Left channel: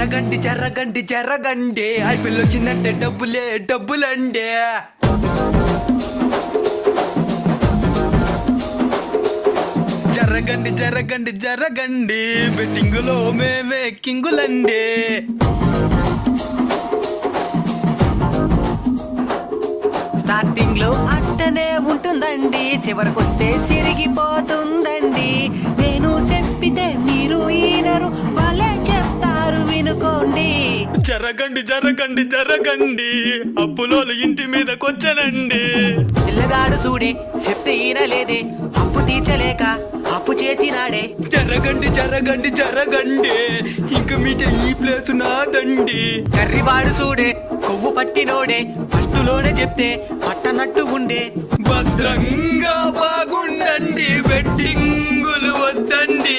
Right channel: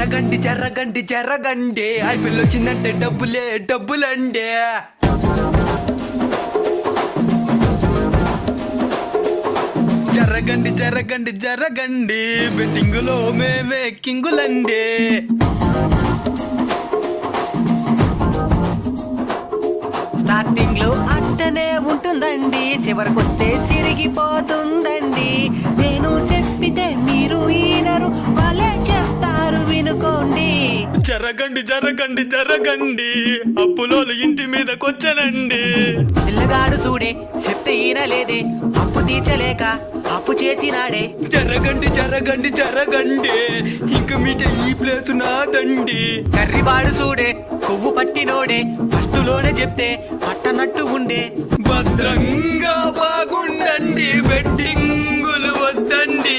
జరగండి జరగండి జరగండి ఐపీఎల్ వచ్చిందంటే డబ్బులండి. జరగండి జరగండి జరగండి బెట్టింగులో మేమే కింగులండి. స్టార్టింగ్ లో అట్టనే ఉంటుందండి, చివరికొస్తే సిరిగిపోతుందండి. నేను చెప్పితే మీరు ఈనరు, వాళ్ళే చెప్తారు వినుకోండి. జరగండి జరగండి జరగండి అప్పులోలు ఇంటి మీదకొచ్చనండి. పిల్లగాడు చూడే చెప్తే ఈనలేదే, అప్పు తీర్చలేక అప్పు చేసినాడే. జరగండి జరగండి జరగండి ఇంక మీట ఈ ప్లేసు నాదండి. కర్రివాడు చూడే కొవ్వు పట్టినోడే, ఫస్ట్ లోనే చెప్తే పట్టనట్టు ఉండే. భద్రంగా బాగుండండి బెట్టింగులు వద్దండి.